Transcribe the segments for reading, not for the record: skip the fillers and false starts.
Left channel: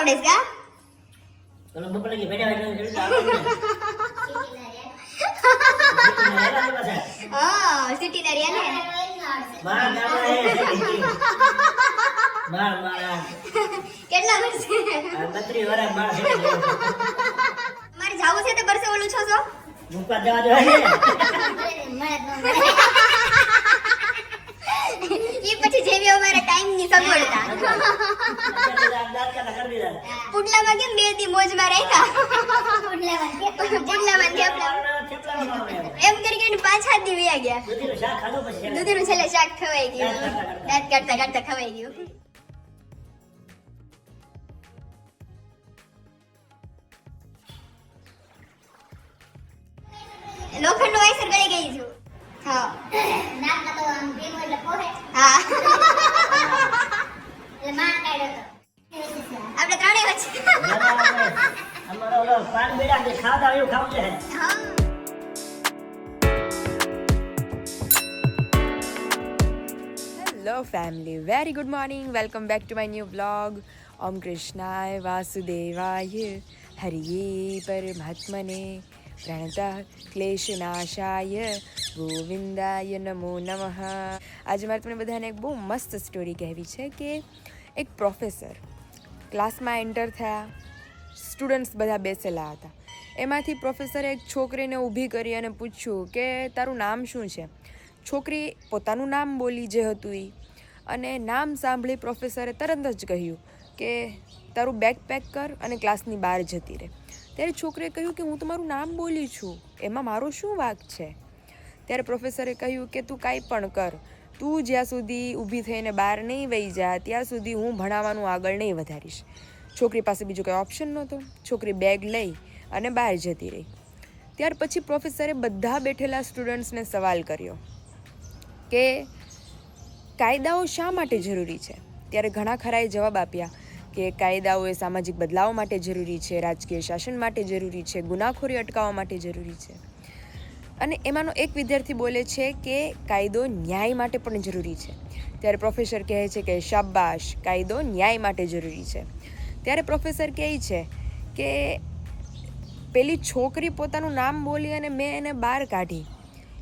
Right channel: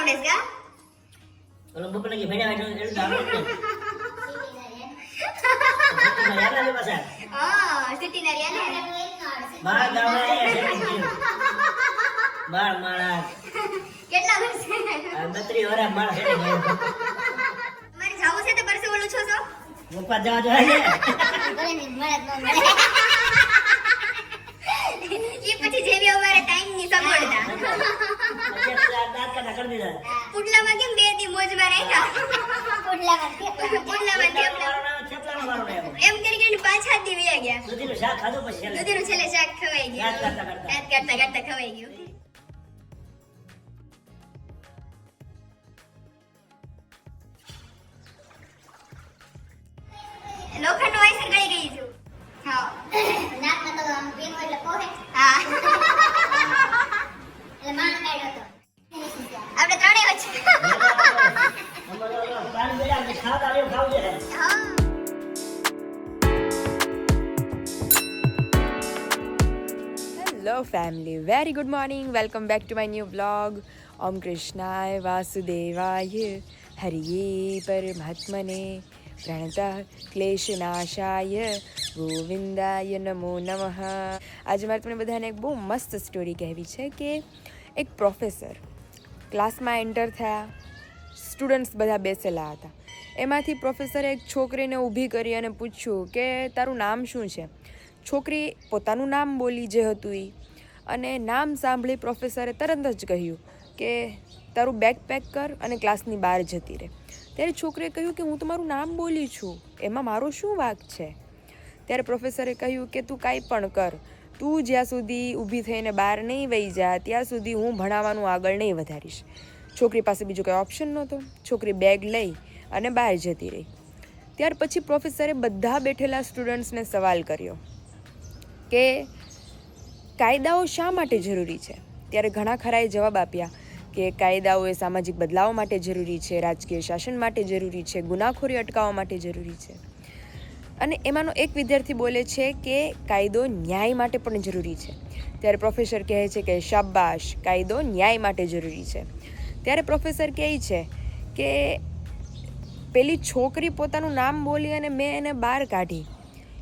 આવડે છે કા ઓલો બપોર લગી ભેડા વાગ્યો એટલે હા સિટી ના રહ્યા ને બાર ગામડા એ બાર મારા કેટલા વર્ષ 32 વર્ષ બાર છે મારે જાવું છે તો પરસે ઓલું છો છો મુપા જવા જોઈએ ઈ પછી જેવી અમારા ટાઈમ ની સગવડતા પુડલામાં કેમ બે દી મોજમાં રાખ્યા પુડલામાં એમ કરીને પાછા દી વ્યા ગયા દૂધીનું શાક ખાધું પછી દૂધીનું છેલ્લે શાક ખવાઈ ગયું દાંત કાઢતા ખવાઈ ગયું લોખંડ નું વાયસર ગળી ગઈ છું હા નાક તો આમ ભીનું એટલે પોહે હા એટલે માણ કાઢ્યો તો આપણે ત્રણેય વચ્ચે અમારો પાન બેડા કે ખાવા આવ્યો ખાવું છે હા hello family very good morning welcome back to my new blog ઓમ કૃષ્ણાય વાસુદેવાય હરિયે પરમાત્મને પ્રણતઃ ક્લેશનાશાય ગોવિંદાય નમો નમઃ આજે મારે તમને બધાને એક બહુ મસ્ત સ્ટોરી કહેવી છે કે એક પ્રોફેસર ક્લાસમાં એન્ટર થયા સ્ટુડન્ટ્સ બધા બેસેલા હતા એમાંથી પ્રોફેસરે એક છોકરીને ઊભી કરી અને પૂછ્યું કે તારું નામ શું છે છોકરી પોતાનું નામ બોલી જે હતું એ અને નામ સાંભળી પ્રોફેસરે તરત જ કહ્યું કે તારું બેગ પેક કર અને ક્લાસની બહાર જતી રહે ત્યારે છોકરીએ કહ્યું કે હું તમારું નામ બોલી છું એમાં મારો શું વાંક છે ત્યારે પ્રોફેસરે કહ્યું કે તું કાંઈ પણ કર તું જ્યાં સુધી ઊભી થઈને બહાર નહીં વહી જા ત્યાં સુધી હું ભણાવવાનું આગળ નહીં વધારીશ છોકરી પાસે બીજો કંઈ ઓપ્શન નહોતો છોકરી બેગ લઈ અને બહાર જતી રહી ત્યાર પછી પ્રોફેસરે બધા બેઠેલા સ્ટુડન્ટ્સને સવાલ કર્યો કે કાયદાઓ શા માટે જરૂરી છે ત્યારે ઘણા ખરાએ જવાબ આપ્યા કે કાયદાઓ એ સામાજિક બદલાવ માટે જરૂરી છે રાજકીય શાસન માટે જરૂરી છે ગુનાખોરી અટકાવવા માટે જરૂરી છે અને એમાંનો એક વિદ્યાર્થી બોલે છે કે કાયદો ન્યાય માટે પણ જરૂરી છે ત્યારે પ્રોફેસર કહે છે કે શાબાશ કાયદો ન્યાય માટે જરૂરી છે ત્યારે પ્રોફેસર કહે છે કે પેલી છોકરી પોતાનું નામ બોલી અને મેં એને બહાર કાઢી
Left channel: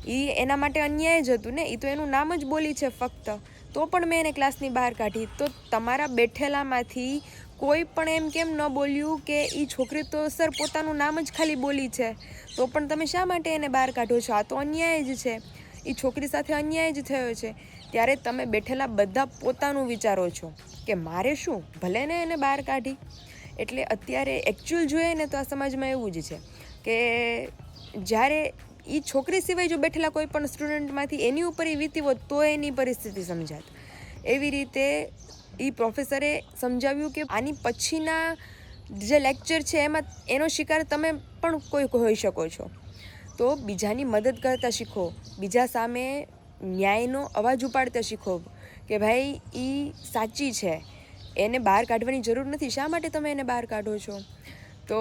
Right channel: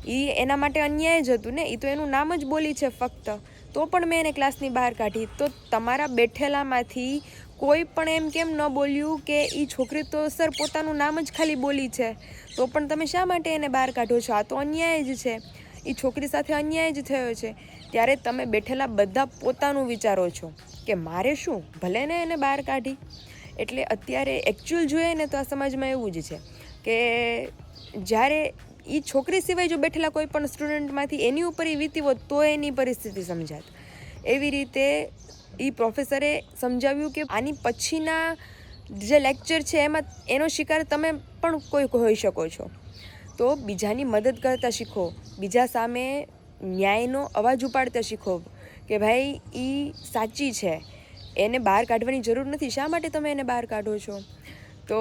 એ એના માટે અન્યાય જ હતું ને એ તો એનું નામ જ બોલી છે ફક્ત તો પણ મેં એને ક્લાસની બહાર કાઢી તો તમારા બેઠેલામાંથી કોઈ પણ એમ કેમ ન બોલ્યું કે એ છોકરી તો સર પોતાનું નામ જ ખાલી બોલી છે તો પણ તમે શા માટે એને બહાર કાઢો છો આ તો અન્યાય જ છે એ છોકરી સાથે અન્યાય જ થયો છે ત્યારે તમે બેઠેલા બધા પોતાનું વિચારો છો કે મારે શું ભલે ને એને બહાર કાઢી એટલે અત્યારે એકચ્યુઅલ જોઈએ ને તો આ સમાજમાં એવું જ છે કે જ્યારે એ છોકરી સિવાય જો બેઠેલા કોઈ પણ સ્ટુડન્ટમાંથી એની ઉપર એ વીતી હોત તો એની પરિસ્થિતિ સમજાત એવી રીતે એ પ્રોફેસરે સમજાવ્યું કે આની પછીના જે લેક્ચર છે એમાં એનો શિકાર તમે પણ કોઈ હોઈ શકો છો તો બીજાની મદદ કરતા શીખો બીજા સામે ન્યાયનો અવાજ ઉપાડતા શીખો કે ભાઈ એ સાચી છે એને બહાર કાઢવાની જરૂર નથી શા માટે તમે એને બહાર કાઢો છો તો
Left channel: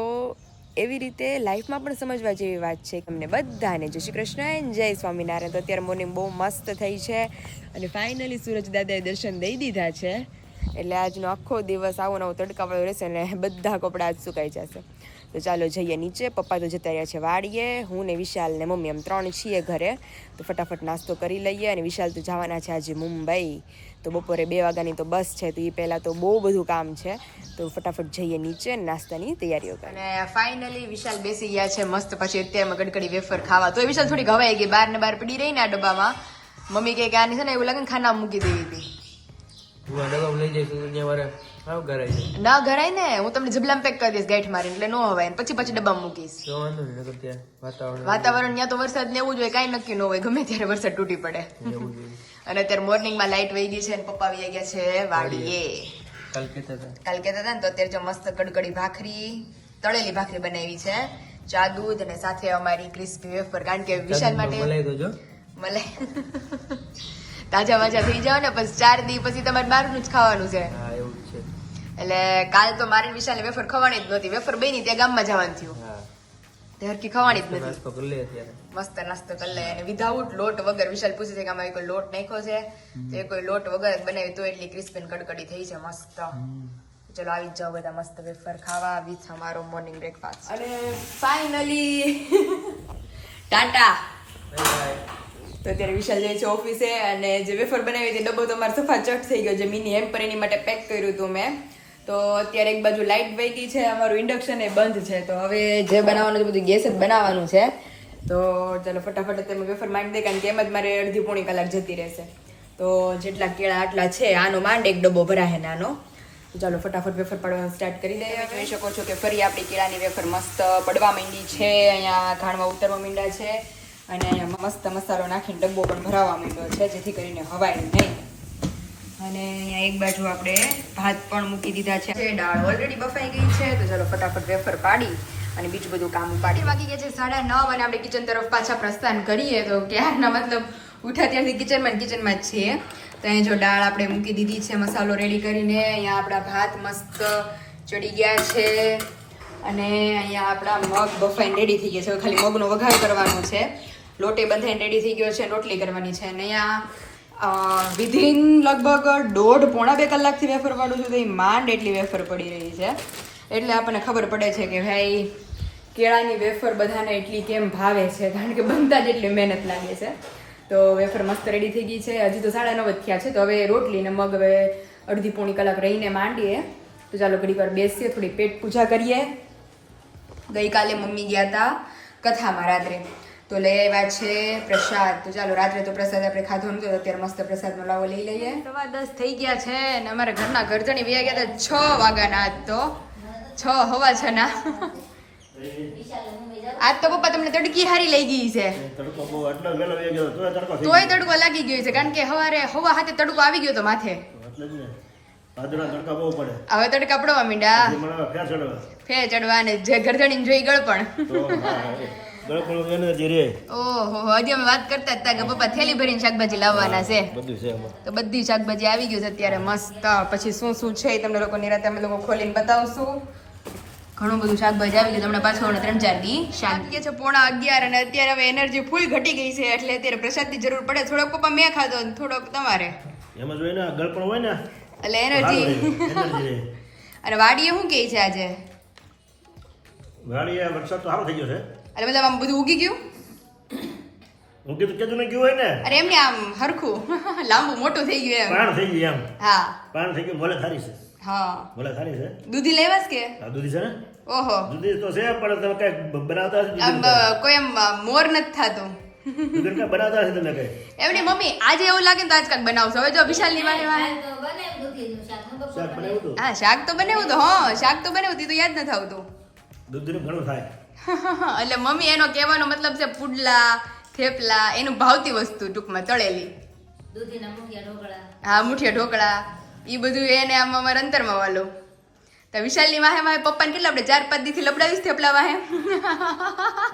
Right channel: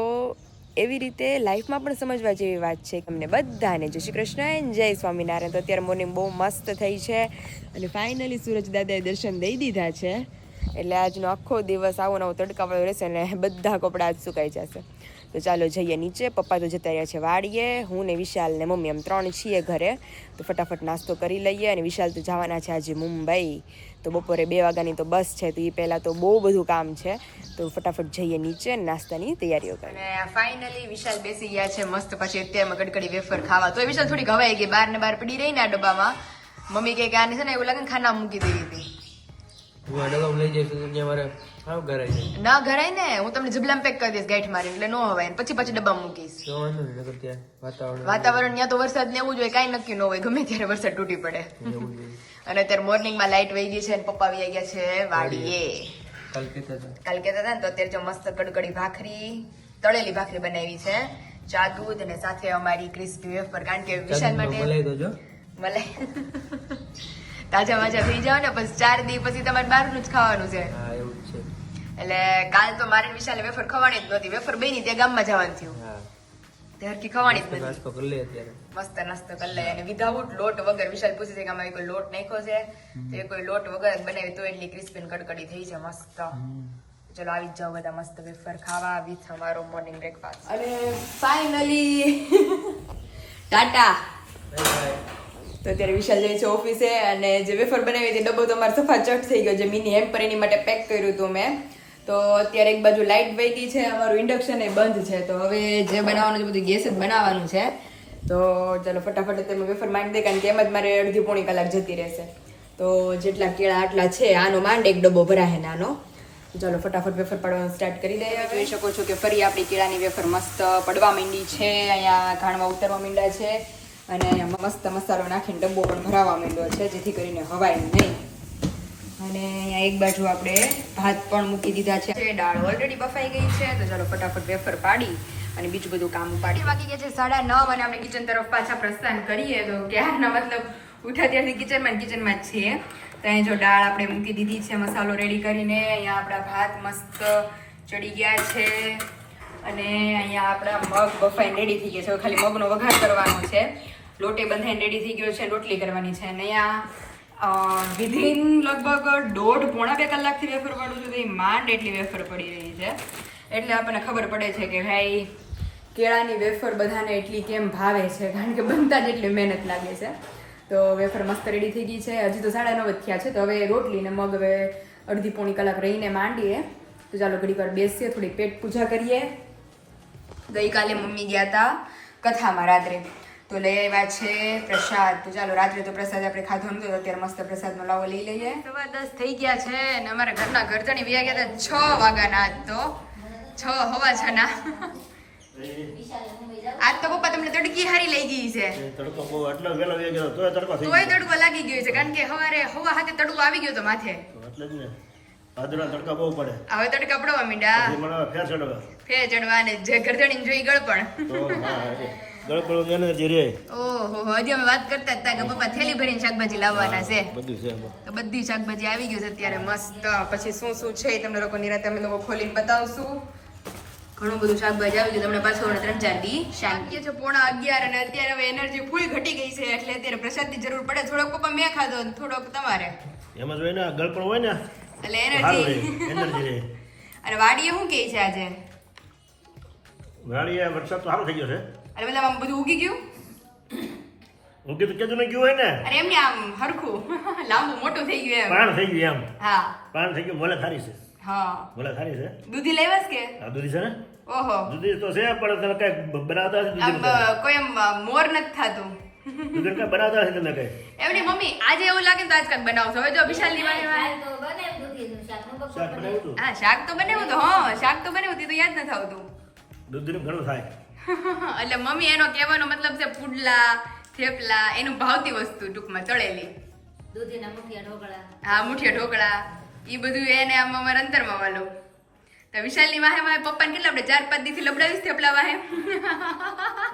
એવી રીતે લાઈફમાં પણ સમજવા જેવી વાત છે કે અમને બધાને જય શ્રી કૃષ્ણ જય સ્વામિનારાયણ તો અત્યારે મોર્નિંગ બહુ મસ્ત થઈ છે અને ફાઇનલી સૂરજ દાદાએ દર્શન દઈ દીધા છે એટલે આજનો આખો દિવસ આવો નવો તડકાવાળો રહેશે અને બધા કપડાં આજ સુકાઈ જશે તો ચાલો જઈએ નીચે પપ્પા તો જતા રહ્યા છે વાડીએ હું ને વિશાલ ને મમ્મી એમ 3 છીએ ઘરે તો ફટાફટ નાસ્તો કરી લઈએ અને વિશાલ તો જવાના છે આજે મુંબઈ તો બપોરે 2 વાગ્યાની તો બસ છે તો એ પહેલાં તો બહુ બધું કામ છે તો ફટાફટ જઈએ નીચે નાસ્તાની તૈયારીઓ કરી અને ફાઇનલી વિશાલ બેસી ગયા છે મસ્ત પછી અત્યારમાં કડકડી વેફર ખાવા તો વિશાલ થોડી ઘવાઈ ગઈ બહાર ને બહાર પડી રહી ને આ ડબ્બામાં મમ્મી કહે કે આને છે ને એવું લાગે ને ખાના મૂકી દેવી હતી લઈ જઈશું મારે સાવ ઘરાય છે ના ઘરાય ને હું તમને જબલામ પેક કરી દઈશ ગાંઠ મારીને એટલે નો હવાય પછી ડબ્બામાં મૂકીશ વાતાવરણ ત્યાં તો વરસાદ ને એવું જ હોય કાંઈ નક્કી ન હોય ગમે ત્યારે વરસાદ તૂટી પડે અને અત્યારે મોર્નિંગમાં લાઇટ વહી ગઈ છે અને પપ્પા આવી ગયા છે વાડીએ કાલ કહેતા હતા ને તો અત્યારે જો મસ્ત કડકડી ભાખરી તળેલી ભાખરી બનાવી છે ચા દૂધ અને સાથે અમારી ક્રિસ્પી વેફર કારણ કે વિશાલ માટે મલાઈ તાજા માજા થઈ જાવ ને પછી 4 દિવસ પછી તમારે બહારનું જ ખાવાનું છે એટલે કાલ તો મારે વિશાલે વેફર ખવાની જ નહોતી વેફર બની ત્યાં ગામમાં જવાનું થયું હરકી ખવાની જ નથી મસ્ત નાસ્તો કરી લે અને વિધાઉટ લોટ વગર વિશાલ પૂછે છે કે આમાં કોઈ લોટ નાખ્યો છે તો એ કોઈ લોટ વગર જ બનાવી તો એટલી ક્રિસ્પી કડકડી થઈ છે મસ્ત ચલો આવી જ જાઓ બધા મસ્ત વેફર ખાવા વિથ અમારો મોર્નિંગ બ્રેકફાસ્ટ અને ફાઇનલી ટાટા. તો અત્યારે વિશાલ જાય છે ઓફિસે અને જે વેફર બનાવી હતી ડબ્બો તો અમારો સફા ચટ થઈ ગયો. જે મિની હેમ્પર એની માટે પેક કર્યું હતું મેં. તો અત્યારે એક બાજુ લાઇટ વહી ગઈ છે, અમારું ઇન્ડક્શન એ બંધ છે. તો હવે જે બનાવવાનું છે બધું ગેસ જ બનાવવાનું છે. તો ચાલો ફટાફટ તમે વેફર માંડી દે, કારણ કે એમ જ મારે અડધી પોણી કલાક જતી રહેશે. તો જેટલા કેળા આટલા છે આનો માંડ એક ડબ્બો ભરાશે નાનો. તો ચાલો ફટાફટ વેફર પાડવાનું સ્ટાર્ટ કરી દઈએ. જોઈ શકો છો કે ફરી આપણી કેળાની વેફર મસ્ત પડવા માંડી છે. અહીંયા ઘાણમાં ઉતરવા માંડ્યા છે અને અહીંયા મસ્ત મસાલો નાખીને ડબ્બો પણ ભરાવા માંડ્યો છે, જેથી કરીને હવાય નહીં. અને અહીંયા એક બાજુ આપણે ભાત પણ મૂકી દીધા છે. દાળ ઓલરેડી બફાઈ ગઈ છે. તો ચાલો ફટાફટ વેફર પાડી અને બીજું બધું કામ પાડી. વાગી ગયા છે 9:30 અને આપણે કિચન તરફ પાછા પ્રસ્થાન કરીએ. તો ક્યારના મતલબ ઉઠ્યા ત્યારથી કિચનમાં જ છીએ. તો અહીં જો દાળ આપણે મૂકી દીધી છે મસાલો રેડી કરીને. અહીંયા આપણા ભાત મસ્ત ચડી ગયા છે અને અહીંયા આપણા મગ બફાઈને રેડી થઈ ગયા છે. ખાલી મગનો વઘાર કરવાનો છે. લોટે બંધાઈને રેડી થઈ ગયો છે, રોટલી કરવાની છે. અને અહીંયા વિધિન લગભગ 1.5-પોણા 2 કલાકથી વેફર પાડું છું. તો એ માંડ એટલી વેફર પડી રહી છે. એટલે આપણને ખબર પડે છે કે ભાઈ કેળાની વેફર બધાને એટલી કેમ ભાવે છે, કારણ કે બનતા જ એટલી મહેનત લાગે છે. તો વેફર મસ્ત રેડી થઈ ગઈ છે. હજી તો 9:30 જ થયા છે. તો હવે રોટલી ને મગ હવે અડધી-પોણી કલાક રહીને માંડીએ. તો ચાલો ઘડીક વાર બેસીએ, થોડી પેટ પૂજા કરીએ. ગઈકાલે મમ્મી ગયા હતા કથામાં રાત્રે, તો લઈ આવ્યા છે પ્રસાદ. તો ચાલો રાત્રે તો પ્રસાદ આપણે ખાધો નતો, અત્યારે મસ્ત પ્રસાદનો લાવો લઈ લઈએ. 10:15 થઈ ગયા છે અને અમારા ઘરના ગરજણી વ્યા ગયા હતા 6 વાગ્યાના. આજ તો 6:15 ના. આજ તો પપ્પા તમને તડકી હારી લઈ ગઈ છે. તડકો બહુ એટલો વેલો વે ગયો તોય તડકો થઈ તોય તડકો લાગી ગયો છે, કારણ કે હવારે હવા હાથે તડકો આવી ગયો તો માથે. ગયો એટલે જ ને ભાદરવા તડકા બહુ પડે. હવે તડકા પડવા માંડ્યા, પછી મને ફેર ચડવા ફેર ચડવા ને જે ગરજણી જોઈ ગળપણ. તો હા ગળપણ એનર્જી રે. ઓહો, હજી અમે વાત કરતા હતા કે પપ્પા થેલી ભરીને શાકભાજી લાવવાના છે. બધું છે આમાં. તો બધી શાકભાજી આવી ગયું છે અત્યારે મસ્ત. પછી શું શું છે એ તમને લોકો નિરાતે અમે લોકો ખોલીને બતાવશું. ઘણું બધું શાકભાજી આવી ગયું. તમને પાછું 3-4 દી શાંતિ છે. 11:30 અને અત્યારે હવે એનર્જી ફૂલ ઘટી ગઈ છે, એટલે અત્યારે પ્રસાદની જરૂર પડે. થોડોક પપ્પા મેં ખાધો, થોડોક તમારે. એમ જ હોય ને ગળપણ હોય ને એટલે એનર્જી રે. અને વાડીએ શું કહે છે આજે? વાડીએ વરસાદ તો સારો થઈ ગયો છે. અરે મતલબ આમ બધું ઉગી ગયું? હું કીધું કેતું નહીં ગયું હોય ને. અરે એમને આમ હરખું લાંબુ મોટું થઈ ગયું એમ. પાણ થઈ ગયું એમ. હા પાણ થઈ ગયું. મોલે સારી છે. હા મોલે સારી છે. દૂધી લેવાસ કે? આ દૂધી છે ને. ઓહો, દૂધી તો છે પણ તમે કઈ બનાવતા હશે આમ કોઈ એમ મોર નથી થતું. દૂધી કઈ બનાવતા હશે તમે કઈ. એમની મમ્મી આજે એવું લાગે ને તો આજ કાંઈક બનાવશો. હવે જો વિશાલની વાડીમાં શાક બનાવ્યું હતું. હા શાક તો બનાવ્યું તો. હા શાક તો બનાવ્યું હતું, તો યાદ નથી આવતું. દૂધીનું ઘણું થાય. એટલે મમ્મી એનો કહેવાનો મતલબ છે પુડલા થેપલા, એનું ભાવતી વસ્તુ ટૂંકમાં તળેલી. દૂધીના મુઠિયા ઢોકળા. હા મુઠિયા ઢોકળા, એ બધું એને આમ અમારા અંતરમાં વાલો. તો વિશાલની વાહે મારે પપ્પાને કેટલા આપણે 4-5 દીથી લબડાવીશ થેપલા વાહે.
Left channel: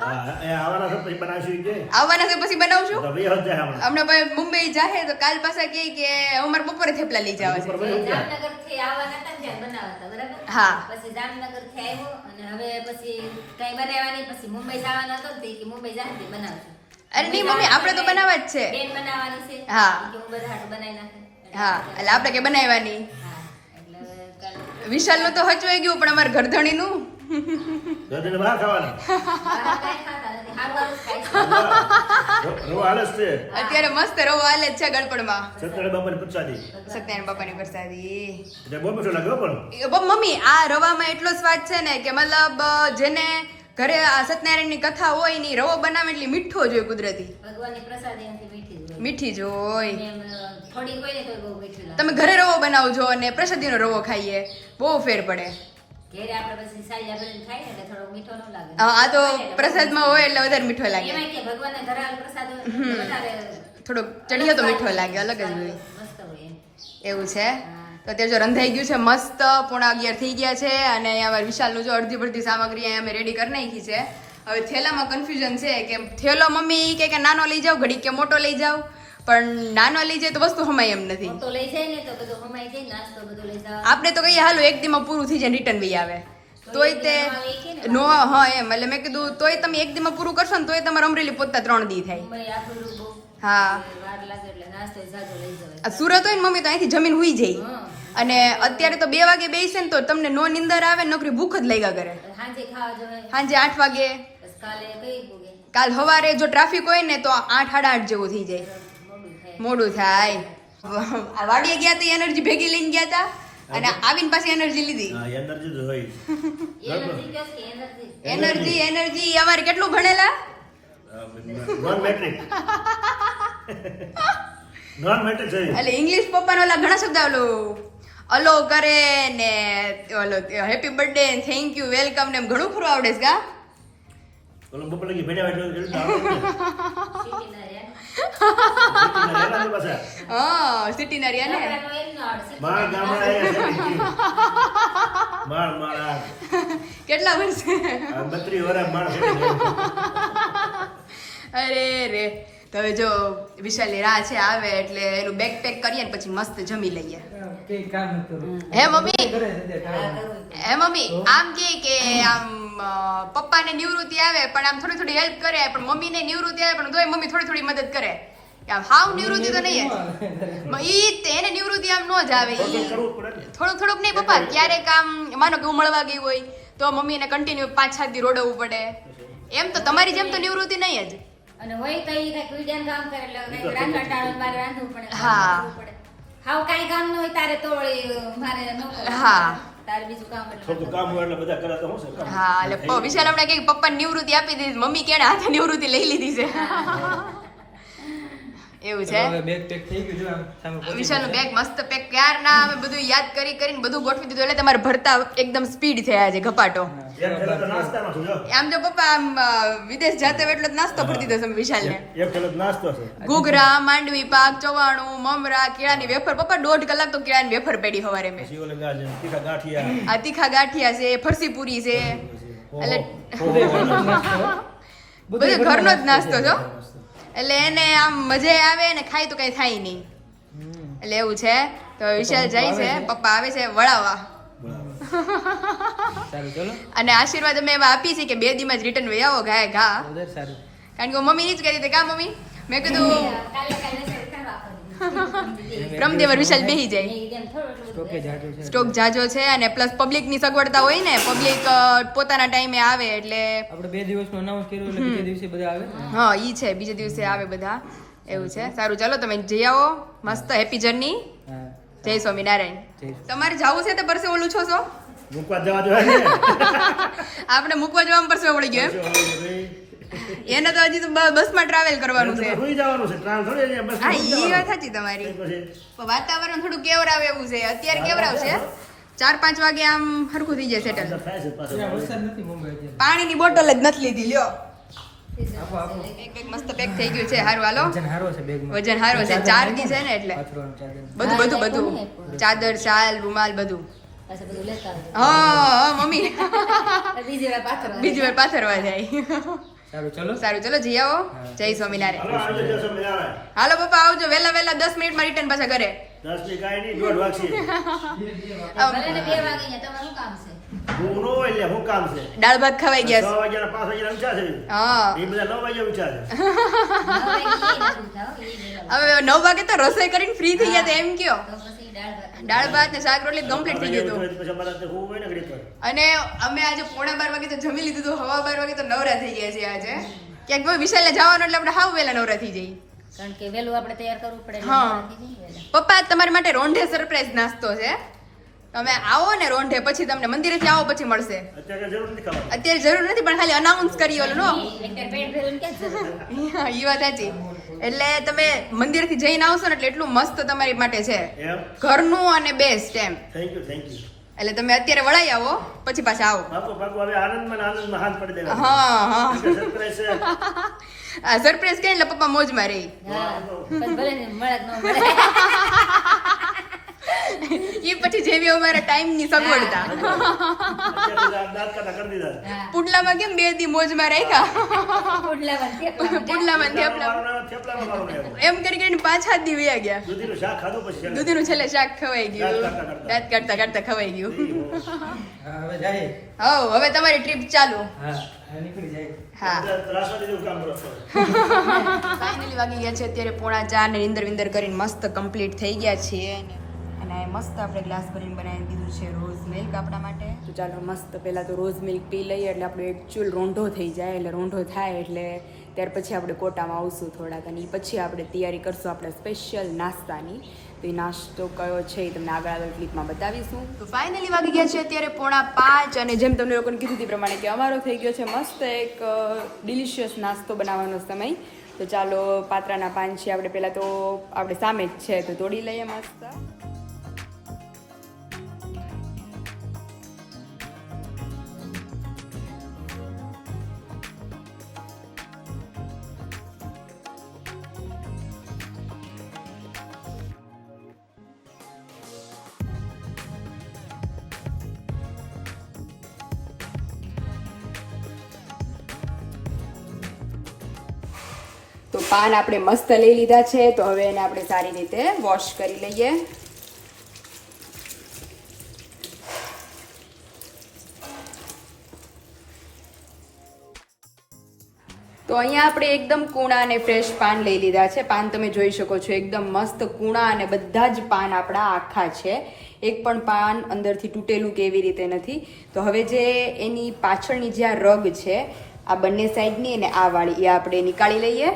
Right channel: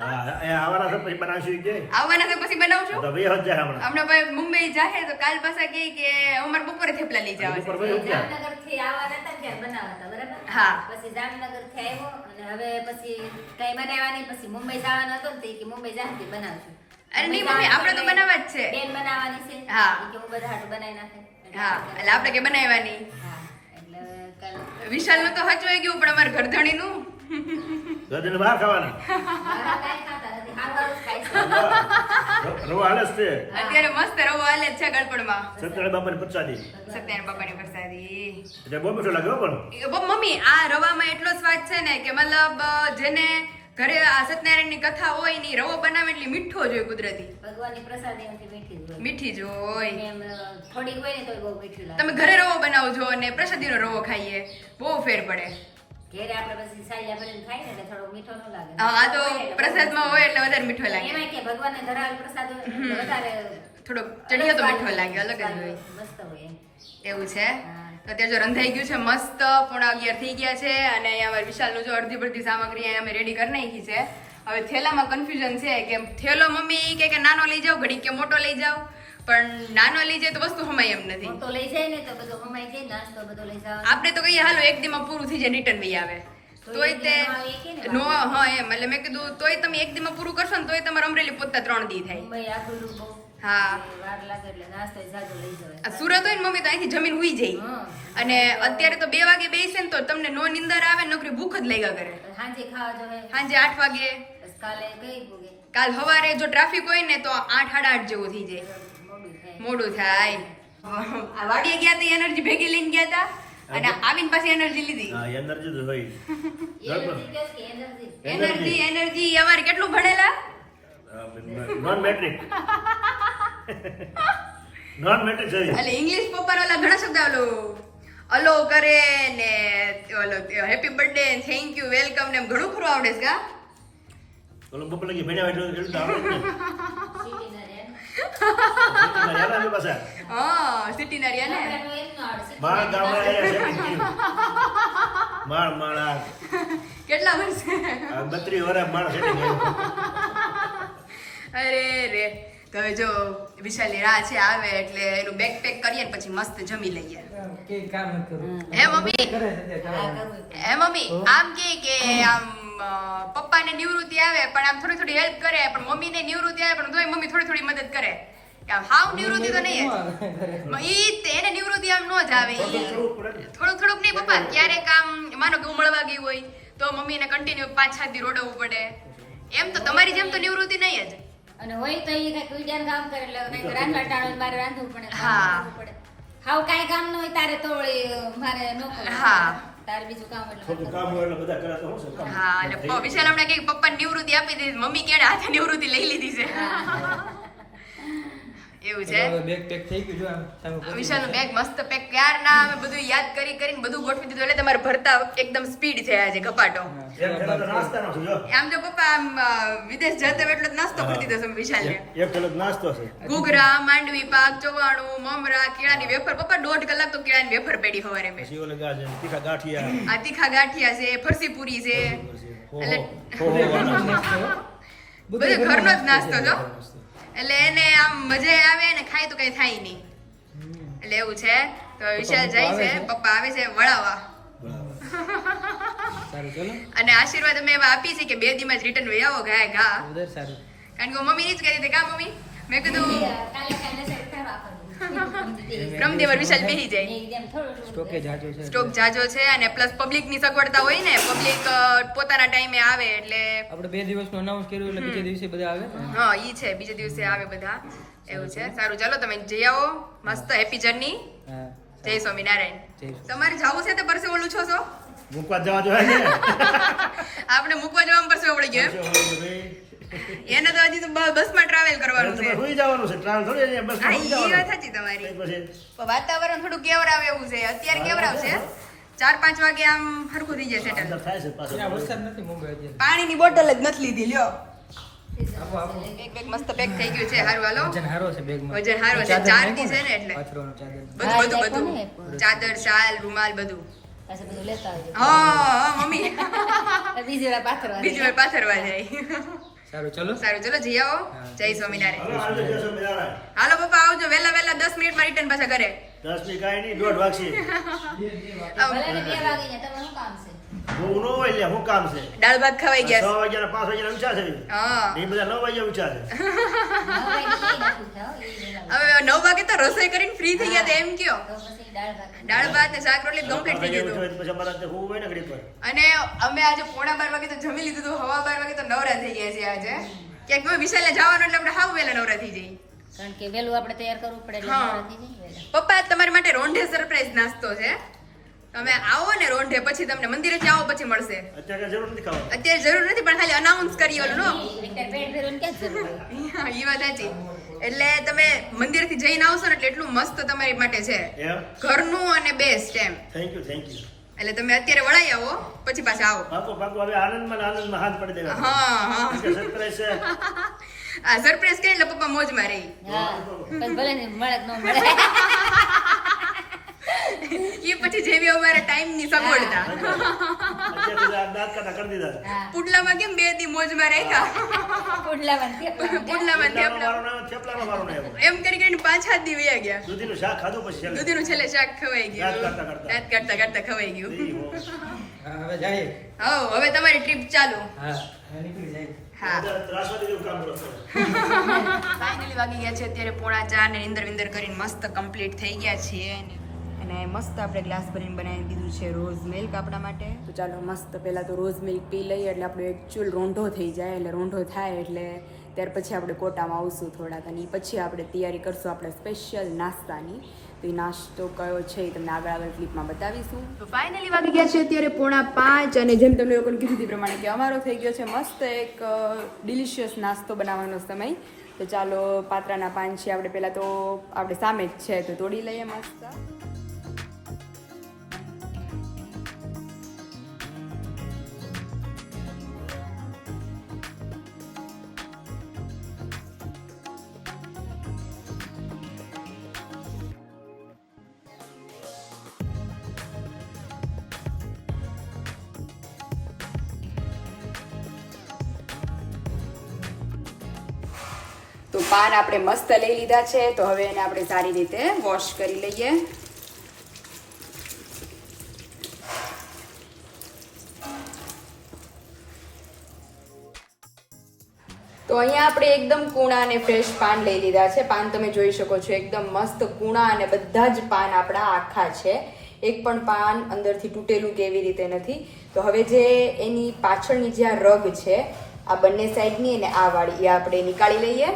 હા એ આવવાના છે પછી બનાવશું કે આવવાના છે પછી બનાવશું. તો ભાઈ હજ જાય હમણાં. હમણાં ભાઈ મુંબઈ જાહે તો કાલ પાછા કહે કે અમારે બપોરે થેપલા લઈ જવા છે. ઉપર ભાઈ હજ જાય. જામનગરથી આવવાના હતા ને ત્યારે બનાવતા બરાબર. હા. પછી જામનગરથી આવ્યો અને હવે પછી કઈ બનાવ્યા નહીં. પછી મુંબઈ જવાનો હતો ને તો ઈ કે મુંબઈ જાહે બનાવશું. અરે નહીં મમ્મી આપણે તો બનાવવા જ છે. બેન બનાવવાની છે. હા. ઈ કે હું બધા હાટું બનાવી નાખે. હા એટલે આપણે કે બનાવવાની. હા એટલે હવે કાલ વિશાલનું તો હચવાઈ ગયું, પણ અમારે ઘરધણીનું દૂધીને બહાર ખાવાના. બહાર કાંઈ ખાતા નથી. હાંડવાનું જ ખાય છે. રવો હાલે જ છે. અત્યારે મસ્ત રવો હાલે જ છે ગળપણમાં. સત્યનારાયણ બાપાની પ્રસાદી. સત્યનારાયણ બાપાની પ્રસાદી. એટલે બહુ મીઠો લાગ્યો પણ. મમ્મી આ રવામાં એટલો સ્વાદ છે ને કે મતલબ જેને ઘરે આ સત્યનારાયણની કથા હોય ની રવો બનાવે એટલે મીઠો જ હોય કુદરતી. ભગવાનની પ્રસાદી એનાથી મીઠી જ હોય. મીઠી જ હોય. એમ થોડીક હોય ને તો બહુ મીઠું લાગે. તમે ઘરે રવો બનાવજો અને પ્રસાદીનો રવો ખાઈએ, બહુ ફેર પડે. ઘેરે આપણે પછી સાલિયા ભરીને ખાઈએ ને એટલે થોડો મીઠો ન લાગે. આ તો પ્રસાદમાં હોય એટલે વધારે મીઠો લાગે. એમાંય કે ભગવાનને ધરાવેલ પ્રસાદ હોય એટલે વધારે થોડોક ચડીયો તો મીઠો લાગે, અલગ જ હોય. મસ્ત હોય એમ. એવું છે. તો અત્યારે જો રંધાઈ ગયું છે મસ્ત. 11:15 થઈ ગયા છે અને અમારા વિશાલનું જો અડધી બધી સામગ્રી અહીંયા અમે રેડી કરી નાખી છે. હવે થેલામાં કન્ફ્યુઝન છે કે થેલો મમ્મી કે નાનો લઈ જાવ ઘડી કે મોટો લઈ જાવ, પણ નાનો લઈ જાય તો વસ્તુ હમાય એમ નથી. મોટો લઈ જાય ને તો બધો હમાઈ જાય, નાસ્તો બધો લઈ જાવ. આપણે તો કહીએ હાલો એક દીમાં પૂરું થઈ જાય રિટર્ન બી આવે તોય તે નો. હા એમ એટલે મેં કીધું તોય તમે એક દીમાં પૂરું કરશો ને તોય તમારે અમરેલી પહોંચતા 3 દી થાય. મુંબઈ આખું બહુ. હા. એટલે વાર લાગે એટલે નાસ્તો જાજો લઈ જવાય. આ સુરત હોય ને મમ્મી તો અહીંથી જમીન હુઈ જાય. હા. અને અત્યારે તો 2 વાગે બેસે ને તો તમને નો નિંદર આવે ને નોકરી ભૂખ જ લાગ્યા કરે. સાંજે ખાવા જવાય. સાંજે 8 વાગે, બસ કાલે કઈ પૂગે કાલ સવારે જો ટ્રાફિક હોય ને તો 8 સાડા 8 જેવું થઈ જાય, મોડું થાય. મોડું થાય. આ વાડીએ ગયા તો એનર્જી ભેગી લઈને ગયા હતા અને આવીને પાછી એનર્જી લીધી. હા એનર્જી તો હોય એનર્જી કહે છે એનર્જી. એનર્જી અમારે કેટલું ભણેલા? નોન મેટ્રિક નોન મેટ્રિક છે એટલે ઇંગ્લિશ પપ્પાનો ઓલા ઘણા શબ્દ અલો કરે ને ઓલો happy birthday thank you welcome ને એમ ઘણું ખરું આવડે છે કા? ઓલો બપોર લગી ભણ્યા એટલું એટલું આવડે જ ને. સિટીના રે. એના પાસે હા સિટીના રહ્યા ને. ગામડામાં એમ ન આવડે. માળ ગામડે આવ્યા છે માળ માળ આ કેટલા વર્ષે? 32 વર્ષ માળ છે અરે રે. તો હવે જો વિશાલની રાહ છે આવે એટલે એનું બેગ પેક કરીએ ને પછી મસ્ત જમી લઈએ. હે મમ્મી? હે મમ્મી આમ કે આમ પપ્પાને નિવૃત્તિ આવે પણ આમ થોડી થોડી હેલ્પ કરે, પણ મમ્મીને નિવૃત્તિ આવે પણ તોય મમ્મી થોડી થોડી મદદ કરે. આમ હાવ નિવૃત્તિ તો નહીં ઈ એને નિવૃત્તિ આમ નો જ આવે. કરવું પડે ને. થોડુંક થોડુંક નહીં પપ્પા, ક્યારેક આમ માનો કે હું મળવા ગઈ હોય તો મમ્મીને કન્ટિન્યુ 5-7 દી રોડવું પડે. એમ તો તમારી જેમ તો નિવૃત્તિ નહીં જ. અને હોય તો ઈ કઈક વિડિયાનું કામ કરે એટલે કઈક રાંધવા ટાળો મારે રાંધવું પડે, કામ હા. કરવું પડે. હાવ કાંઈ કામ ન હોય તારે તો વળી મારે ન કરવું. હા. તારે બીજું કામ એટલે થોડું કામ હોય એટલે બધા કરે તો શું છે કામ. હા એટલે વિશાલ હમણાં કે પપ્પાને નિવૃત્તિ આપી દીધી, મમ્મી કેને હાથે નિવૃત્તિ લઈ લીધી છે. એવું છે. બેગ પેક થઈ ગયું જો આમ સામે પહોંચી વિશાલનું બેગ મસ્ત પેક ક્યારના અમે બધું યાદ કરીને બધું ગોઠવી દીધું એટલે તમારે ભરતા એકદમ સ્પીડ થયા છે ઘપાટો. એક થેલો તો નાસ્તાનો છે જો. આમ જો પપ્પા આમ વિદેશ જતા હોય એટલે જ નાસ્તો કરી દીધો છે વિશાલને. એક થેલો તો નાસ્તો છે. ઘૂઘરા, માંડવી પાક, ચવાણું, મમરા, કેળાની વેફર. પપ્પા 1.5 કલાક તો કેળાની વેફર પેડી સવારે મેં. પછી ઓલે ગાજર તીખા ગાંઠિયા આ તીખા ગાંઠિયા છે, ફરસી પૂરી છે, બધું ઘરનો જ નાસ્તો છો. એટલે એને આમ મજા આવે ને ખાય તો કઈ થાય નહીં. એટલે એવું છે. તો વિશાલ જાય છે, પપ્પા આવે છે વળાવવા. સારું ચલો અને આશીર્વાદ અમે એવા આપી છે કે 2 દીમાં જ રિટર્ન વહી આવો ગાય ઘા. ઉધર સારું કારણ કે મમ્મી ની જ કરી દે કા મમ્મી. મેં કીધું કાલે કાલે સેટ કરવા પડે. ક્રમદેવર વિશાલ બેહી જાય. એકદમ થોડું સ્ટોકે જાજો છે સ્ટોક જાજો છે અને પ્લસ પબ્લિક ની સગવડતા હોય ને, પબ્લિક પોતાના ટાઈમે આવે એટલે આપણે 2 દિવસનું અનાઉન્સ કર્યું એટલે બીજે દિવસે બધા આવે ને. હા ઈ છે, બીજે દિવસે આવે બધા. એવું છે. સારું ચાલો તમે જઈ આવો. મસ્ત હેપી જર્ની. હા જય સ્વામિનારાયણ. જય સ્વામિનારાયણ. તમારે જવું છે તો પરસે ઓલું છો છો મૂકવા જવા જોઈએ ને. આપણે મૂકવા જવા પરસે ઓળી ગયો એમ? એને તો હજી તો બસમાં ટ્રાવેલ કરવાનું છે. સુઈ જવાનું છે ટ્રાવેલ થોડી છે, બસ હા સુઈ ઈ જવાનું. વાત સાચી તમારી. પછી પણ વાતાવરણ થોડું કેવરાવે એવું છે. અત્યારે કેવરાવશે 4-5 વાગે આમ હરખું થઈ જાય સેટલ. અંદર થાય છે પાછો. ત્યાં વરસાદ નથી મુંબઈ અત્યારે. પાણીની બોટલ જ નથી લીધી લ્યો. આપો આપો એક બેગ મસ્ત પેક થઈ ગયું છે. હારું હાલો. વજન હારો છે બેગમાં. વજન હારો છે. ચાદર 4 નાખો દી છે ને એટલે. પાથરવાનું ચાદર. બધું ચાદર, શાલ, રૂમાલ બધું. પાછું બધું લેતા આવજો. હા મમ્મી બીજી વાર પાછળ બીજી વાર પાથરવા જાય. સારું ચલો સારું ચલો જઈ આવો. જય સ્વામિનારાયણ. હવે આવી જશે મજા. હાલો પપ્પા આવજો વહેલા 10 મિનિટમાં રિટર્ન પાછા ઘરે. 10 ની કાંઈ નહીં 1:30 વાગશે. ભલે ને 2 વાગી જાય તમારું શું કામ છે? હું નો હોય એટલે હું કામ છે. દાળ ભાત ખવાઈ 6 ગયા. વાગ્યાના 5 વાગ્યાના ઊંચા છે. હા એ બધા 9 વાગ્યા ઊંચા છે. હવે 9 વાગે તો રસોઈ કરીને ફ્રી થઈ ગયા તો એમ કયો. દાળ ભાત ને શાક રોટલી કમ્પ્લીટ થઈ ગયું હતું. પછી અમારા તે હું હોય ને ઘડી પર. અને અમે આજે 11:15 વાગે તો જમી લીધું હતું. 12:15 વાગે તો નવરા થઈ ગયા છે આજે. ક્યાંક કોઈ વિશાલને જવાનું એટલે આપણે હાવ વહેલા નવરા થઈ જઈએ. કારણ કે વેલું આપણે તૈયાર કરવું પડે એટલે હા. નવરા થઈ જઈએ વહેલા. પપ્પા તમારા માટે રોંઢે સરપ્રાઈઝ નાસ્તો છે. તમે આવો ને રોંઢે પછી તમને મંદિરેથી આવો પછી મળશે. અત્યારે જરૂર નથી ખાવાની. અત્યારે જરૂર નથી પણ ખાલી અનાઉન્સ કરી ઓલો નો. એટલે પેટ ભરીને ક્યાં જરૂર હોય? હા, ઈ વાત સાચી. એટલે તમે મંદિરેથી જઈને આવશો ને એટલે એટલું મસ્ત તમારી માટે છે. એમ ઘરનું અને બેસ્ટ એમ. થેન્ક યુ એટલે તમે અત્યારે વળાઈ આવો પછી પાછા આવો. પાકું હવે આનંદમાં ને આનંદમાં હાથ પડી દેવા. હા હા સરપ્રાઈઝ છે. આ સરપ્રાઈઝ કે એટલે પપ્પા મોજમાં રહી. હા પછી ભલે ને મળે કે ન મળે. એ પછી જેવી અમારા ટાઈમ ની સગવડતા. અત્યારથી દાંત કાઢા કરી દીધા. હા. પુડલામાં કેમ 2 દી મોજમાં રાખ્યા. પુડલામાં થેપલા. પુડલામાં થેપલાનો વારો નહીં આવ્યો. એમ કરીને 5-7 દી વયા ગયા. દૂધીનું શાક ખાધું પછી છેલ્લે. દૂધીનું છેલ્લે શાક ખવાઈ ગયું. દાંત કાઢતા. દાંત કાઢતા ખવાઈ ગયું. ઈ હો. હા હવે જાય. હવે તમારી ટ્રીપ ચાલુ. હા હવે નીકળી જાય. હા ત્રાસવાદી જેવું કામ કરો છો. ફાઇનલી વાગી ગયા છે અત્યારે 3:45 ને નીંદર વિંદર કરીને મસ્ત કમ્પ્લીટ થઈ ગયા છીએ અને મસ્ત આપણે ગ્લાસ ભરીને બનાવી દીધું છે રોઝ મિલ્ક આપણા માટે. તો ચાલો મસ્ત પહેલાં તો રોઝ મિલ્ક પી લઈએ એટલે આપણો એકચ્યુઅલ રોંઢો થઈ જાય. એટલે રોંઢો થાય એટલે ત્યાર પછી આપણે કોટામાં આવશું થોડાક અને પછી આપણે તૈયારી કરશું આપણે સ્પેશિયલ નાસ્તાની. તો એ નાસ્તો કયો છે એ તમને આગળ ક્લિપમાં બતાવીશું. તો ફાઇનલી વાગી ગયા છે અત્યારે 4:45 અને જેમ તમને લોકોને કીધું તે પ્રમાણે કે અમારો થઈ ગયો છે મસ્ત એક ડિલિશિયસ નાસ્તો બનાવવાનો સમય. તો ચાલો પાત્રાના પાન છે આપણે પહેલાં તો આપણે સામે જ છે તો તોડી લઈએ મસ્ત. તો પાન આપણે મસ્ત લઈ લીધા છે તો હવે એને આપણે સારી રીતે વોશ કરી લઈએ. તો અહીંયા આપણે એકદમ કૂણા અને ફ્રેશ પાન લઈ લીધા છે. પાન તમે જોઈ શકો છો એકદમ મસ્ત કૂણા અને બધા જ પાન આપણા આખા છે. એક પણ પાન અંદરથી તૂટેલું કે એવી રીતે નથી. તો હવે જે એની પાછળની જે આ રગ છે આ બંને સાઈડની અને આ વાળી એ આપણે નીકાળી લઈએ.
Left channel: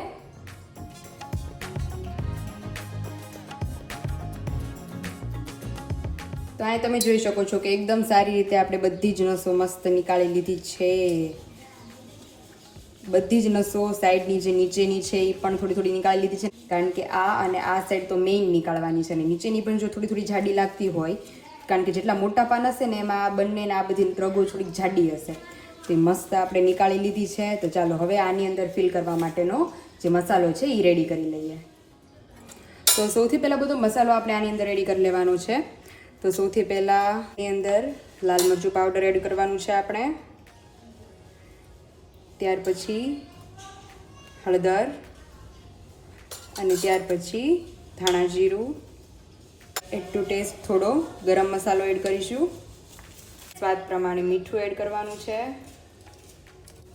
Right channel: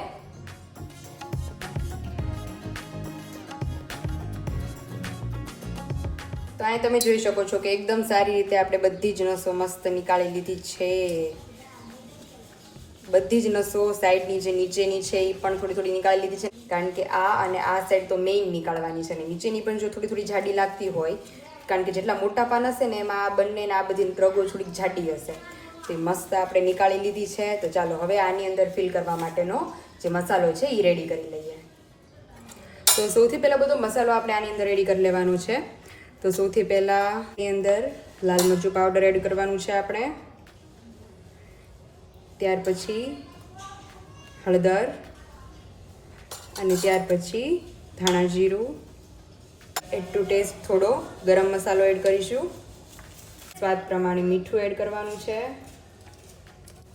તો અહીં તમે જોઈ શકો છો કે એકદમ સારી રીતે આપણે બધી જ નસો મસ્ત નીકાળી લીધી છે. બધી જ નસો સાઈડની જે નીચેની છે એ પણ થોડી થોડી નીકાળી લીધી છે કારણ કે આ અને આ સાઈડ તો મેઇન નીકાળવાની છે અને નીચેની પણ જો થોડી થોડી જાડી લાગતી હોય કારણ કે જેટલા મોટા પાન હશે ને એમાં આ બંને આ બધી રગો થોડીક જાડી હશે. તો એ મસ્ત આપણે નીકાળી લીધી છે. તો ચાલો હવે આની અંદર ફિલ કરવા માટેનો જે મસાલો છે એ રેડી કરી લઈએ. તો સૌથી પહેલાં બધો મસાલો આપણે આની અંદર રેડી કરી લેવાનો છે. તો સૌથી પહેલાં એની અંદર લાલ મરચું પાવડર એડ કરવાનું છે આપણે. ત્યાર પછી હળદર અને ત્યાર પછી ધાણા જીરું. એડ ટુ ટેસ્ટ થોડો ગરમ મસાલો એડ કરીશું. સ્વાદ પ્રમાણે મીઠું એડ કરવાનું છે.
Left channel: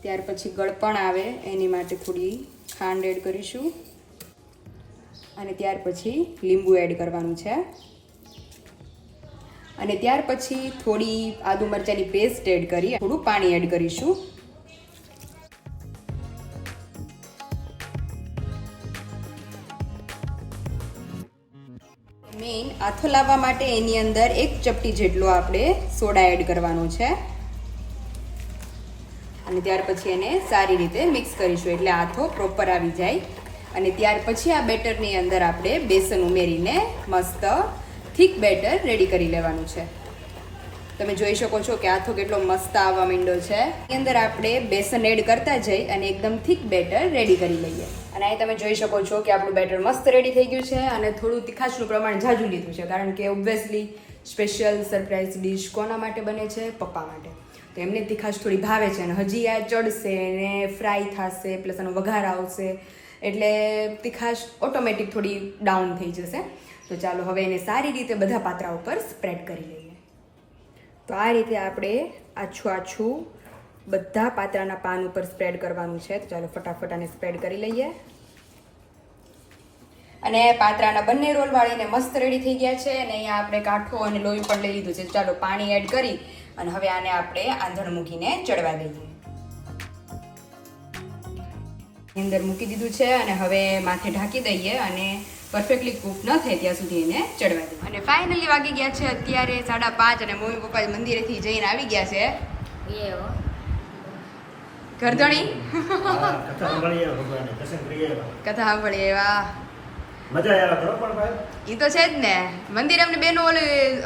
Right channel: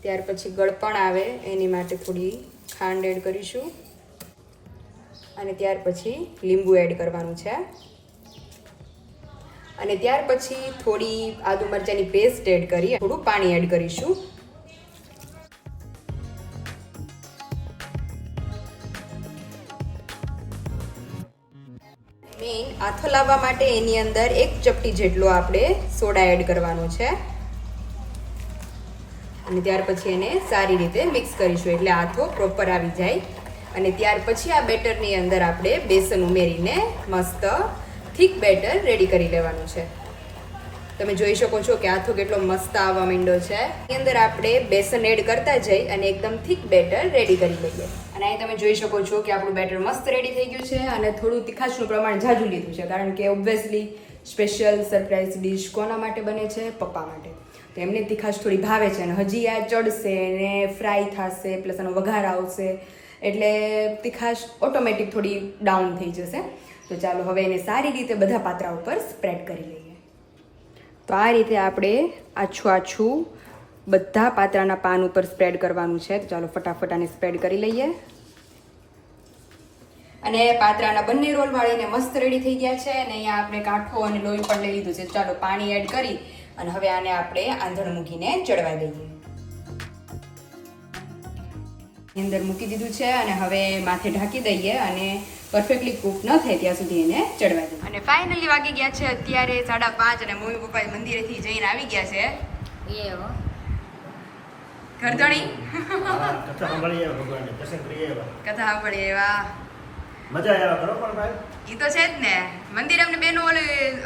ત્યાર પછી ગળપણ આવે એની માટે થોડી ખાંડ એડ કરીશું અને ત્યાર પછી લીંબુ એડ કરવાનું છે અને ત્યાર પછી થોડી આદુ મરચાંની પેસ્ટ એડ કરી થોડું પાણી એડ કરીશું. મેઇન આથો લાવવા માટે એની અંદર 1 ચપટી જેટલો આપણે સોડા એડ કરવાનો છે અને ત્યાર પછી એને સારી રીતે મિક્સ કરીશું એટલે આથો પ્રોપર આવી જાય. અને ત્યાર પછી આ બેટરની અંદર આપણે બેસન ઉમેરીને મસ્ત થીક બેટર રેડી કરી લેવાનું છે. તમે જોઈ શકો છો કે આથો કેટલો મસ્ત આવવા માંડ્યો છે. એની અંદર આપણે બેસન એડ કરતા જઈ અને એકદમ થીક બેટર રેડી કરી લઈએ. અને અહીં તમે જોઈ શકો છો કે આપણું બેટર મસ્ત રેડી થઈ ગયું છે અને થોડું તીખાશનું પ્રમાણ ઝાઝું લીધું છે કારણ કે ઓબ્વિયસલી સ્પેશિયલ સરપ્રાઈઝ ડિશ કોના માટે બને છે? પપ્પા માટે. તો એમને તીખાશ થોડી ભાવે છે અને હજી આ ચડશે ને ફ્રાય થશે પ્લસ એનો વઘાર આવશે એટલે તીખાશ ઓટોમેટિક થોડી ડાઉન થઈ જશે. તો ચાલો હવે એને સારી રીતે બધા પાત્રા ઉપર સ્પ્રેડ કરી લઈએ. તો આ રીતે આપણે આછું આછું બધા પાત્રાના પાન ઉપર સ્પ્રેડ કરવાનું છે. તો ચાલો ફટાફટ આને સ્પ્રેડ કરી લઈએ. અને પાત્રાના બંને રોલ વાળીને મસ્ત રેડી થઈ ગયા છે અને અહીંયા આપણે કાઠો અને લોહી પણ લઈ લીધું છે. ચાલો પાણી એડ કરી અને હવે આને આપણે આંધણ મૂકીને ચડવા દઈએ. અંદર મૂકી દીધું છે અને હવે માથે ઢાંકી દઈએ અને પરફેક્ટલી કૂક ન થાય ત્યાં સુધી એને ચડવા દઈએ. અને ફાઇનલી વાગી ગયા છે અત્યારે 5:30 અને મમ્મી પપ્પા મંદિરેથી જઈને આવી ગયા છે. ઘરધણી કથા સાંભળીએ ભગવાનને દર્શન કરીએ કથા સાંભળીએ એવા મજા આવ્યા કરો પણ ભાઈ. એ તો છે જ ને. મંદિર અમને બેનો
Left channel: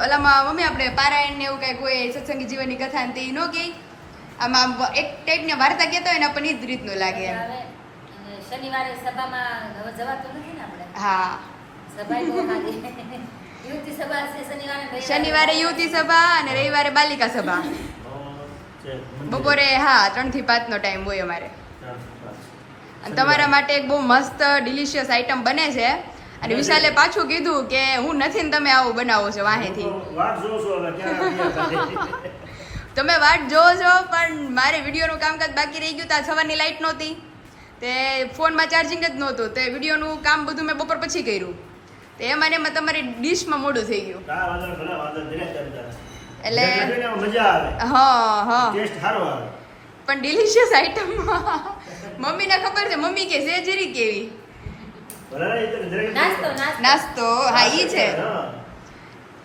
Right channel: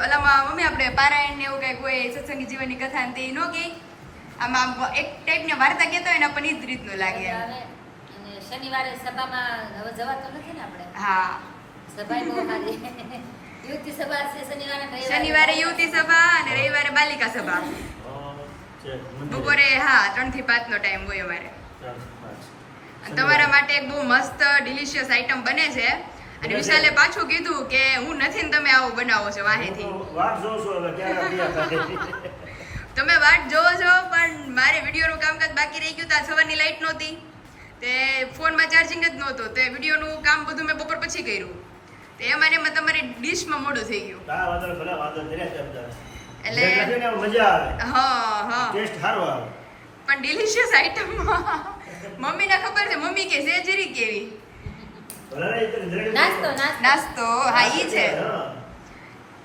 ઓલામાં મમ્મી આપણે પારાયણ ને એવું કઈ કોઈ સત્સંગી જીવનની કથા ને તે ન કહી આમાં એક ટાઈપની વાર્તા કહેતા હોય ને આપણને જ રીતનું લાગે. શનિવારે સભામાં હવે જવાતું નથી ને આપણે. હા સભા બહુ સારી યુવતી સભા છે શનિવારે યુવતી સભા અને રવિવારે બાલિકા સભા. બપોરે 3 થી 5 નો ટાઈમ હોય અમારે. અને તમારા માટે એક બહુ મસ્ત ડિલિશિયસ આઈટમ બને છે અને વિશાલે પાછું કીધું કે હું નથી ને તમે આવું બનાવો છો વાહેથી. વાત જોઉં છું હવે ક્યારે તમે વાટ જોવો છો પણ મારે વિડીયોનું કામકાજ બાકી રહી ગયું. ત્યાં સવારની લાઈટ નહોતી, તે ફોનમાં ચાર્જિંગ જ નહોતું, તે વિડીયોનું કામ બધું મેં બપોર પછી કર્યું. તે એમાં ને એમાં તમારી ડીશમાં મોડું થઈ ગયું. એટલે મજા આવે, હા હા ટેસ્ટ સારો આવે. પણ ડિલિશિયસ આઈટમ મમ્મીને ખબર છે, મમ્મી કે સેજરી કેવી નાસ્તો નાસ્તો. હા ઈ છે.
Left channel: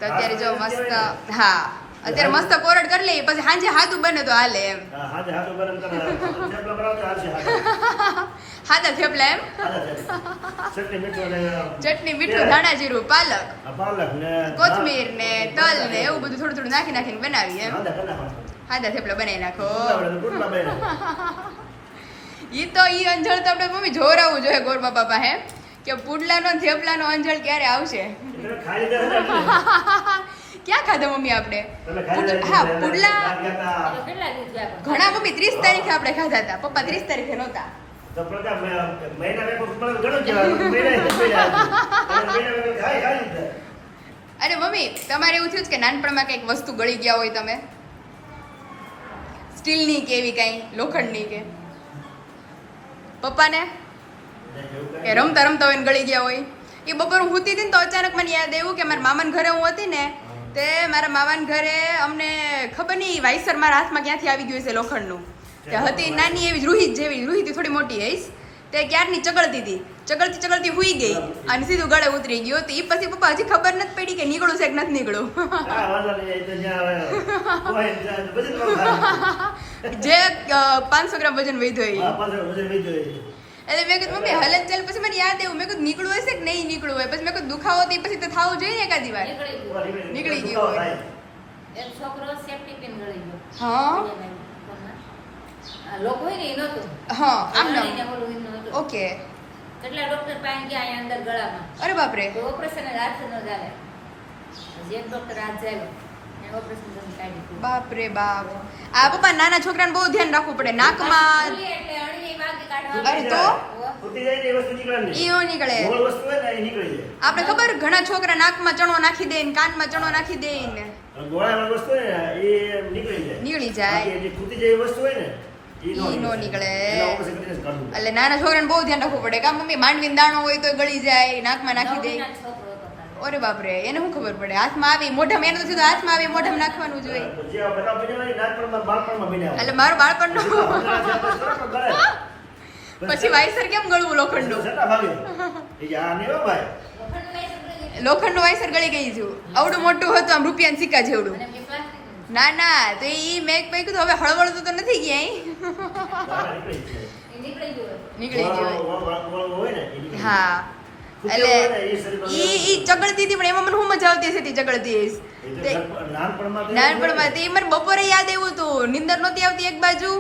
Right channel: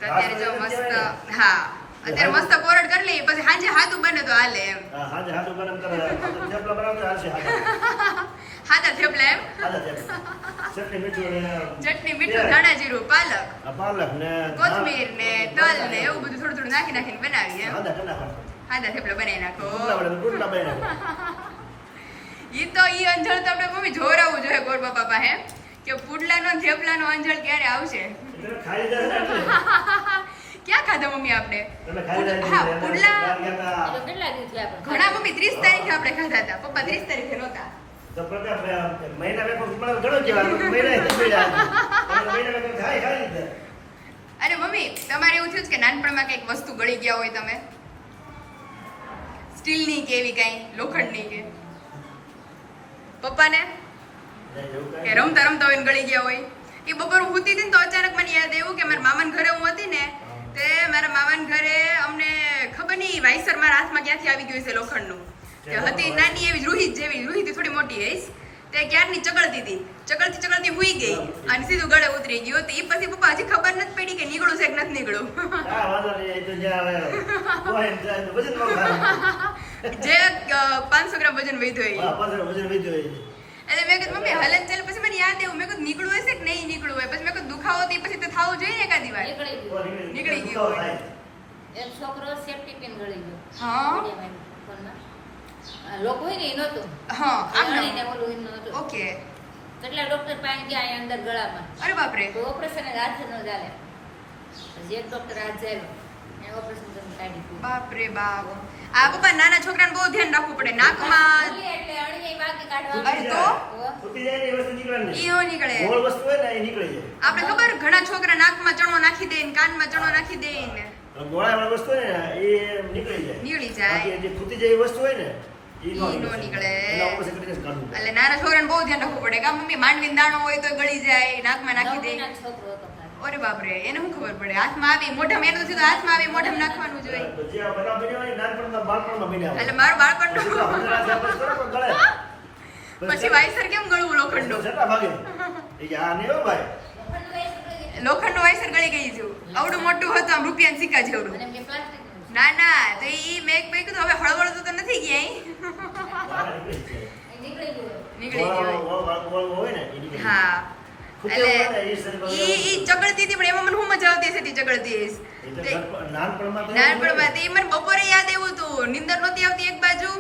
તો અત્યારે જો મસ્ત, હા અત્યારે મસ્ત કોરડ કરી લઈએ, પછી સાંજે હાથું બને તો હાલે એમ. હાજે હાથું ગરમ કરે થેપલા બનાવજો હાલશે. હાથા થેપલા એમ. ચટણી મીઠું ને ચટણી મીઠું ધાણા જીરું પાલક પાલક ને કોથમીર ને તલ ને એવું બધું થોડું થોડું નાખીને બનાવીએ એમ. આદા કના ખાવ. હાથા થેપલા બનાવી નાખો. ગુટલા બનાવી નાખો. ઈ તો ઈ અંજળ તો આપણે મમ્મી જોરાવું જોઈએ ગોરબા બાપા હે કે પુડલાનો ને થેપલાનો અંજળ ક્યારે આવશે. ખાઈ દે એટલે ક્યાં ખાધા મમ્મી આપણે? તમે ખાઈ દે. હા પુડલા કેટલા દિવસ થયા પણ ઘણા મમ્મી 30 તારીખે આપણે ખાધા હતા, પપ્પા 30 તારીખે નહોતા. તો પ્રતાપ મહિના વેકો મને ઘણો કહેવાય મહિના જ મળ્યા મહિના વેકો ખાઈ દે. અરે મમ્મી તમારે એવું થયું છે કે નાનપણમાં કંઈક વસ્તુ ગળી ગયા હોય તમે, સ્ટીલની કે એવી કાંઈ લોખંડની કે પપ્પાને કે રમતા રમતા હોય ને ગળી ગયા હોય? એ બપોર હું સૂતી હતી ને તો અચાનક મને યાદ આવ્યું કે મારા મામાના ઘરે હું હતી ને, તે મારા મામાના ઘરે અમને ખબર નહીં વાઇસર મારા હાથમાં ક્યાંથી આવી ગયું છે લોખંડનું. તે હતી નાની એવી રૂહી જેવી, રૂહીથી થોડી મોટી હઈશ, તે ક્યારની ચગળતી હતી, ચગળતી હુઈ ગઈ અને સીધું ગળે ઉતરી ગયું. તો એ પછી પપ્પા હજી ખબર નથી પડી કે નીકળું છે કે નથી નીકળું. હા વાંધો નહીં, એ તો જ્યાં આવે કોઈ જાય તો વજન બહુ થાય. જે 500 ગ્રામ વજન વધ્યું હા પાછળ વજન વધ્યો હોય. એટલે મેં કીધું મમ્મી હલન ચાલ. પછી મને યાદ આવ્યું, મેં કીધું નીકળવું હશે કે નહીં નીકળવું હોય. પછી મેં કીધું દુખાવો તો પછી તો થવું જોઈએ ને એકાદી વાર. નીકળી ગયું હોય. એક છોકરો સેફ્ટી પિન ગળી ગયો હા ફોનમાં. આ લોકો હોય ને એ નહોતું. હા આમ ગળીને ઓલું એમ નહોતું. ઓકે. કેટલા ડોક્ટર પાસે ગયા અહીંયા અંદર ગળામાં, અરે બાપરે. તો ઓપરેશન જ હાથ ન ચાલે. પછી એક ડોક્ટર હાથ જાય એને ઓપરેશન કરીને કાઢી દીધું. બાપરે બાપ. આ પપ્પા નાના છોકરાને બહુ ધ્યાન રાખવું પડે. નાકમાં એટલે અળીએ વાગે કાઢવા. અરે તો ફૂટી જાય ને એ વસ્તુ નીકળે નહીં. ઈઓ નીકળે. ગોળ વસ્તુ હોય ને એ નીકળી જાય. આપણે ખબર ઘણા છોકરા નાકમાં ચણો નાખી દે ને કાનમાં ચણો નાખી દે ને ગોળાવાળી વસ્તુ હોય ને એ નીકળી જાય. નીકળી જાય. બાકી જે ફૂટી જાય એ વસ્તુ હોય ને ઈ નો નીકળે. એના ઓપરેશન કરીને જ કાઢવું પડે. એટલે નાના છોકરાને બહુ ધ્યાન રાખવું પડે. કા મમ્મી માંડવીનો દાણો હોય તો ગળી જાય, નાકમાં નાખી દે. 9 મહિનાનો છોકરો હતો તારો. અરે બાપરે, એને શું ખબર પડે? હાથમાં આવી મોઢામાં, એને તો સીધું હાથમાં આવી મોઢામાં નાખવાનું જોઈએ. તો જે બધા બન્યા હોય ને નાનપણમાં બાળપણમાં બન્યા હોય. એટલે મારું બાળપણનું જેટલા ભણેલા છે આપણે કરો તો ગળે. પછી વાયસર કેમ ગળવું લોખંડનું? છેટા ભાગે. એ કે આ નહીં હો ભાઈ. લોખંડનું વાયસર ગળી ગઈ છું. આવડું મોટું હતું આમ રૂપિયાના સિક્કા જેવડું. અને એમ કે પ્લાસ્ટિકનું. ના ના, તો ઈ મેં કીધું હવે હળવળતું તો નથી ક્યાંય. બહાર નીકળી જાય. એ નીકળી ગયું. નીકળી ગયું. ગોળ હોય ને એ નીકળી જાય. હા ફૂટ્યો હોય ને એ શરીરમાં ઈ ચગડતી હતી, પણ એમાં મને શું મજા આવતી હશે તે ચગડતી હશે. એ તો નાનપણમાં તો એવું નાનપણમાં તે મને બપોરે યાદ આવ્યું હતું, નીંદર નહોતી આવતી એક બાજુ,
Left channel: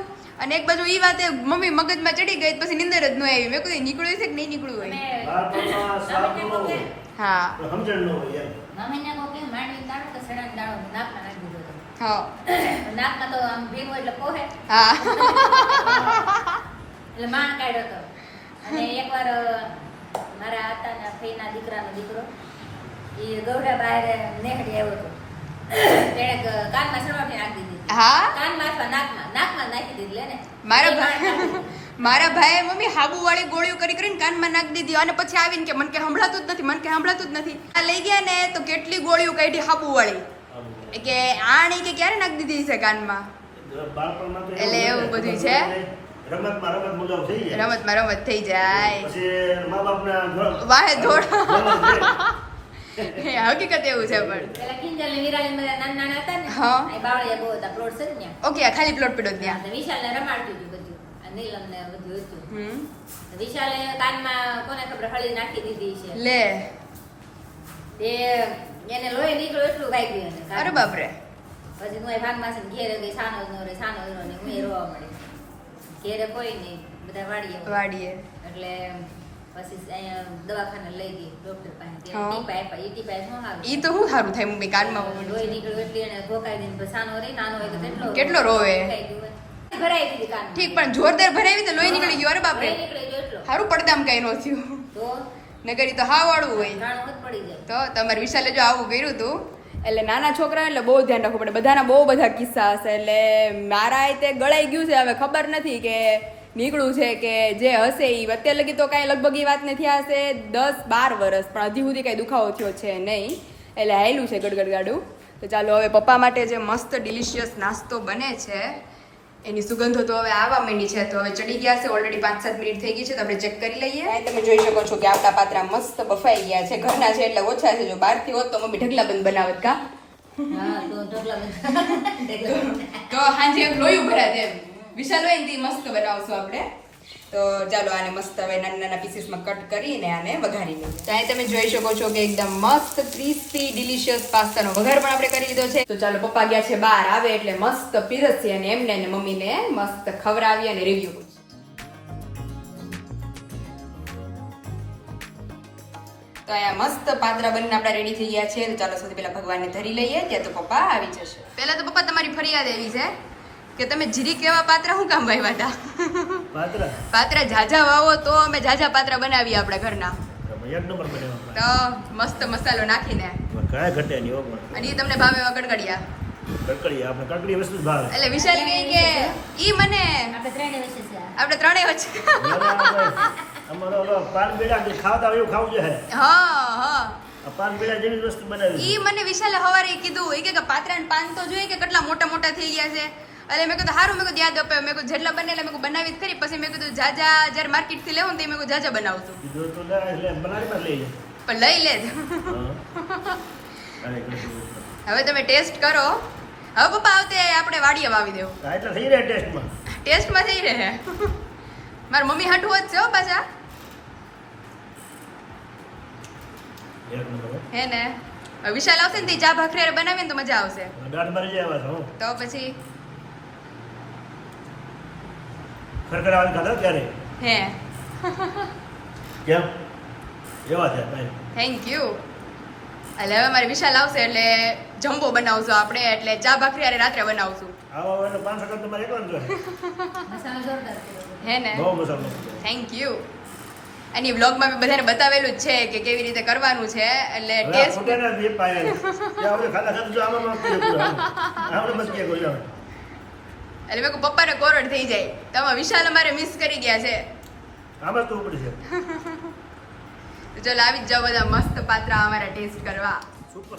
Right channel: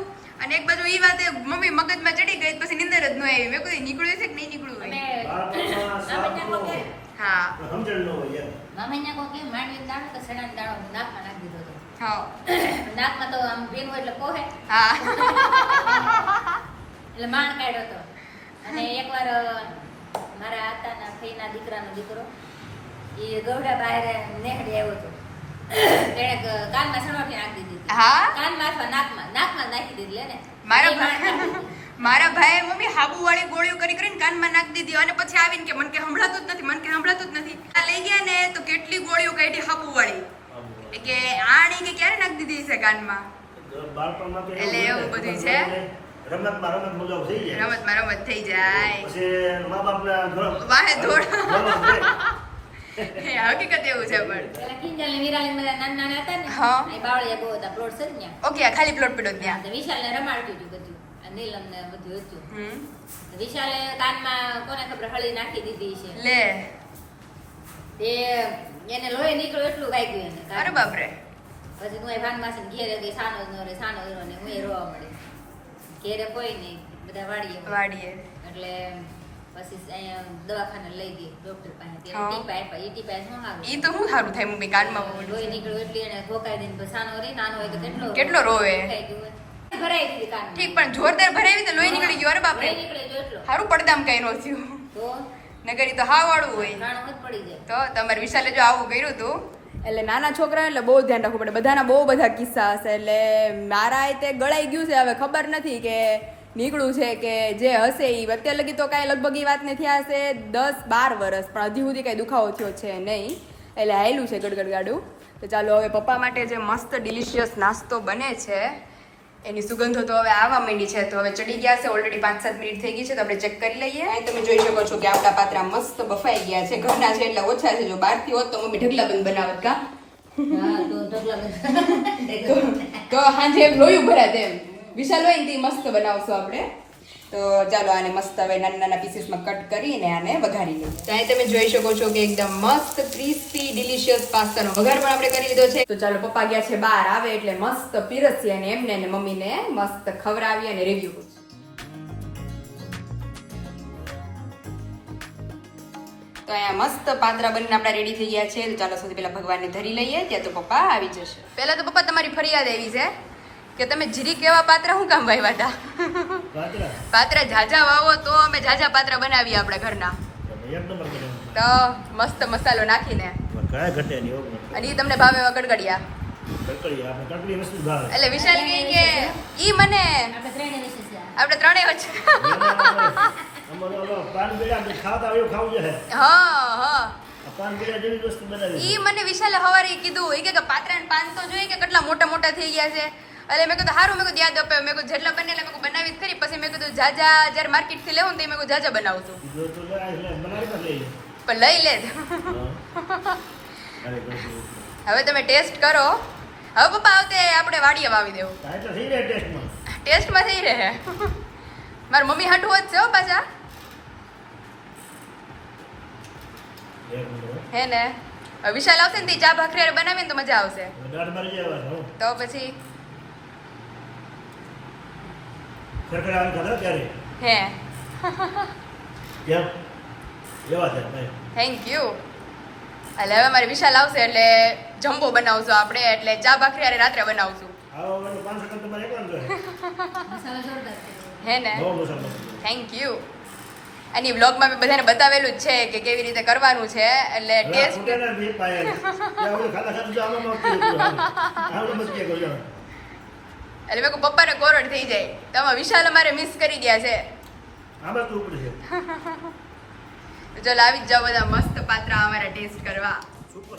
અને એક બાજુ ઈ વાતે મમ્મી મગજમાં ચડી ગઈ, પછી નીંદર જ ન આવી. મેં કીધું નીકળ્યું છે કે નહીં નીકળ્યું અમે હોય. બાળપણમાં સાવ નામે ન હોય. હા સમજણ ન હોય એમ. મામાને કહો કે માંડવીનો દાણો તો સડાનો દાણો નાકમાં નાખી દીધો હતો. હા નાકમાં તો આમ ભીનું એટલે પોહે હા એટલે માણ કાઢ્યો હતો. અને એકવાર મારા આતાના ફઈના દીકરાનો દીકરો એ ગૌડા બહાર નેહડી આવ્યો હતો. તેણે કાનમાં સળવાટી નાખી દીધી. હા કાનમાં અથવા નાકમાં નાખી દીધી લે ને. મારા એ માણ નાખી દીધી. મારા ભાઈએ મમ્મી હાબુ વાળી ગોળીઓ કરીને કાનમાં નાખી દીધી, અને પછી આવીને કે મને કે સંભળાતું જ નથી, મને કે સંભળાતું જ નથી. આ લઈ ગયા ને તો કેટલી ગોળીઓ કાઢી હાબુ વાળી, કે આણી કે ક્યારે નાખી દીધી છે કાનમાં. બાળપણમાં તો એટલે એવું હોય ને. બધું છે. રમતમાં રમત મુગાવ થઈ જાય. રમતમાં રમત થઈ જાય. પછી મા બાપના વાહે દોડ. રમત છે. હકીકત એવું છે પણ. પેલા કિંજલ ને વિરાલી બધા નાના હતા ને, હા. એ બાવળિયા બહુ હતા, પ્લોટ છે ને ત્યાં. ઓકે, આ ખાલી પ્લોટ પડ્યો ત્યાં. તો વિશાલને રમાડતું હતું બધું, આ નીલમ ને બધું હતું. હમ તો વિશાલે કાનમાં કોને ખબર હળી નાખી દીધી છે. લે. તે એને લોહી નીકળ્યું એટલું વાગ્યું એને કાનમાં. અરે બાપરે. પછી હું ભાન માસી ઘેરે ગઈ, સાનો જ ન રે, સાનો જ ને હું રોવા મળી. ઘેરે કોઈ નહીં, બધા વાડીએ વાડીએ. એટલે પછી અહીંયા દવાખાને લઈ ગઈ ડોક્ટર પાસે. હા. ત્યાં ટીપા આપ્યા. ઈ ટીપા શું આવે? ઈ તો શું સારું થાય મમ્મી કાનમાં લોહી નીકળ્યું એટલે એને ધોકાઈ દઈને પછી સાનો રહી, નાનો હોય તો કેટલો રોવે. ધોકાઈ ગયું હોય. ભરાઈ દીધી કાનમાં. ઠીક, પણ જોરદાર ભરાવી તો લોહી નીકળી ગયું. અરે બાપરે, લોહી નીકળી ગયું એટલો. સારું પડદામ કઈ નો થયું. તો નગર ઈ તો હા વાળું હોય. ઘાણું જ પડી જાય. તો તમારે વિશાલે જો આવું કર્યું હતું એટલે નાના છોકરા એટલે બહુ ધ્યાન રાખવું પડે. બધાના બહુ બધા કિસ્સા હશે. એટલે મારા તે ગળાઈ ગયું છે. હવે ખબર નથી કે નીકળ્યું છે કે જે હશે એ અત્યારે લગી તો કાંઈ લગભગ એ વાત નથી હશે 10-12 વર્ષ, પણ હજી સુધી કાંઈ દુખાવો થયો છે નહીં. એટલે હાયલું છે ગડગડ ગાડું. તો ચાલો હવે પપ્પા માટે જે મસ્ત ડિલિશિયસ નાસ્તો બને છે એની સુગંધો તો હવે આવવા માંડી છે. તો હવે ચડી ગયા છે, ઓલરેડી 5-7 મિનિટ થઈ ગઈ છે. તો આપણે ચેક કરી લઈએ. અહીં તમે જોઈ શકો છો કે આપણા પાત્રા મસ્ત બફાઈ ગયા છે. ઘરના છે એટલે ઓછા છે. જો બહારથી હોત તો મમ્મી ઢગલા બંધ બનાવત કા હા તો ઢોકળા તો હાજે એમ લોયું ભરાત એમ વિશાલ હોય ને મસ્ત બનાવશું આપણે. તો ચાલો આને મસ્ત હવે નાના નાના પીસીસમાં કટ કરીને આને વઘારી લઈએ. ત્યાં તમે જોઈ શકો છો કે એકદમ મસ્ત ક્રિસ્પી ડિલિશિયસ પાસ્તાનો વઘાર પણ આપણે કરી લીધો છે. તો ચાલો પપ્પા ગયા છે બહાર, આવે એટલે મસ્ત પીરસીએ અને એમને ને મમ્મીને મસ્ત ખવડાવી અને રિવ્યુ પૂછીએ. તો અહીંયા મસ્ત પાત્રા બનીને આપણા રેડી થઈ ગયા છે. તો ચાલો સૌથી પહેલા ભગવાનને ધરી લઈએ, ત્યાં તો પપ્પા આવી જશે. પહેલા તો પપ્પા તમારી ફરિયાદ એવી છે કે તમે જીરી કેવા પાત્રા શું કામ વાવ્યા હતા? પાત્રા ઝાઝા વાવો તો અમે ઝાઝા પાત્રા બનાવીએ આપણા ઘરના. એક નંબર બનાવ્યો. તો મસ્ત મસાલો નાખીને કાંઈ ઘટે નહીં હો. અને ઈ તમને ભાવે એવા કડકડિયા. કડકડી આપણે કડકડી વસ્તુ જ ભાવે. એટલે વિશાલ કહે કે ઈ મને આપણે ત્રણે વિશે છે આપણે ત્રણેય વચ્ચે અમારો ઓલો પાન બેડા જે ખાવતા હોય એવું ખાવું છે. હા આ પાન બેડા જેવી જ વસ્તુ બનાવી. ઈ મને વિશાલે હવારે કીધું ઈ કે પાત્રા ને પાન તો જોઈએ કે કેટલા મોટા મોટા થઈ ગયા છે. એટલે મેં કીધું સારું, મેં કીધું યાદ અપાયો. મેં કીધું જેટલા બને એટલે મેં બનાવી જ ખરી. પછી મેં કીધું જાજા જ્યારે માર્કેટ થી લેવું ને તો મેં કીધું જાજા બનાવું છું. જો તો લે બનાવી પણ લઈ લે. પણ લઈ લે જ. હવે તમે ટેસ્ટ કરો. હવે પપ્પા આવતે આપણે વાડીએ વાવી દેવું. હા એટલે થઈ રહે ટેસ્ટમાં. ટેસ્ટમાં થઈ રહે. મારી મમ્મી હાટું જ છે હો પાછા. એક નંબર. હે ને હવે વિશાલ આવશે ને તો ચા ભાખરી બનાવીને તો મજા આવશે. દાંત મારી જાય હો. તો પછી ખરખર આવે ખાધા ત્યારે. હે કેમ એવા છે ભાઈ. Thank you. એટલે હવે મારે વિશાલ આવશે એટલે જમ્બો બનાવશું આપણે. એટલે ચા ભાખરી અરે રાત્રે બનાવશું. આવો એનો 5 સેકન્ડ તમારે એકલો જોઈએ. મસાલો જોરદાર કર્યો. હે ને બહુ મસાલો. Thank you. અને વ્લોગમાં મેં બધાને બતાવેલું જ છે કે કેવી રીતે કરવાનું છે. એટલે ટેસ્ટ ફોટાના બે પાયા છે. આપણે ખાતા ખાતા જો આમાં આપણે મસ્ત કે કર્યો. એટલે મેં કહું પપ્પાને કોરડ થઈ જાય. તમે વિશાલ અમારે મિસ કરી ગયા છે. આમાં તો ઉપર છે. તો ચાલો આવી જ જાઓ બધા મસ્ત પાત્રા અમારા ટેસ્ટ કરવા. સુપર.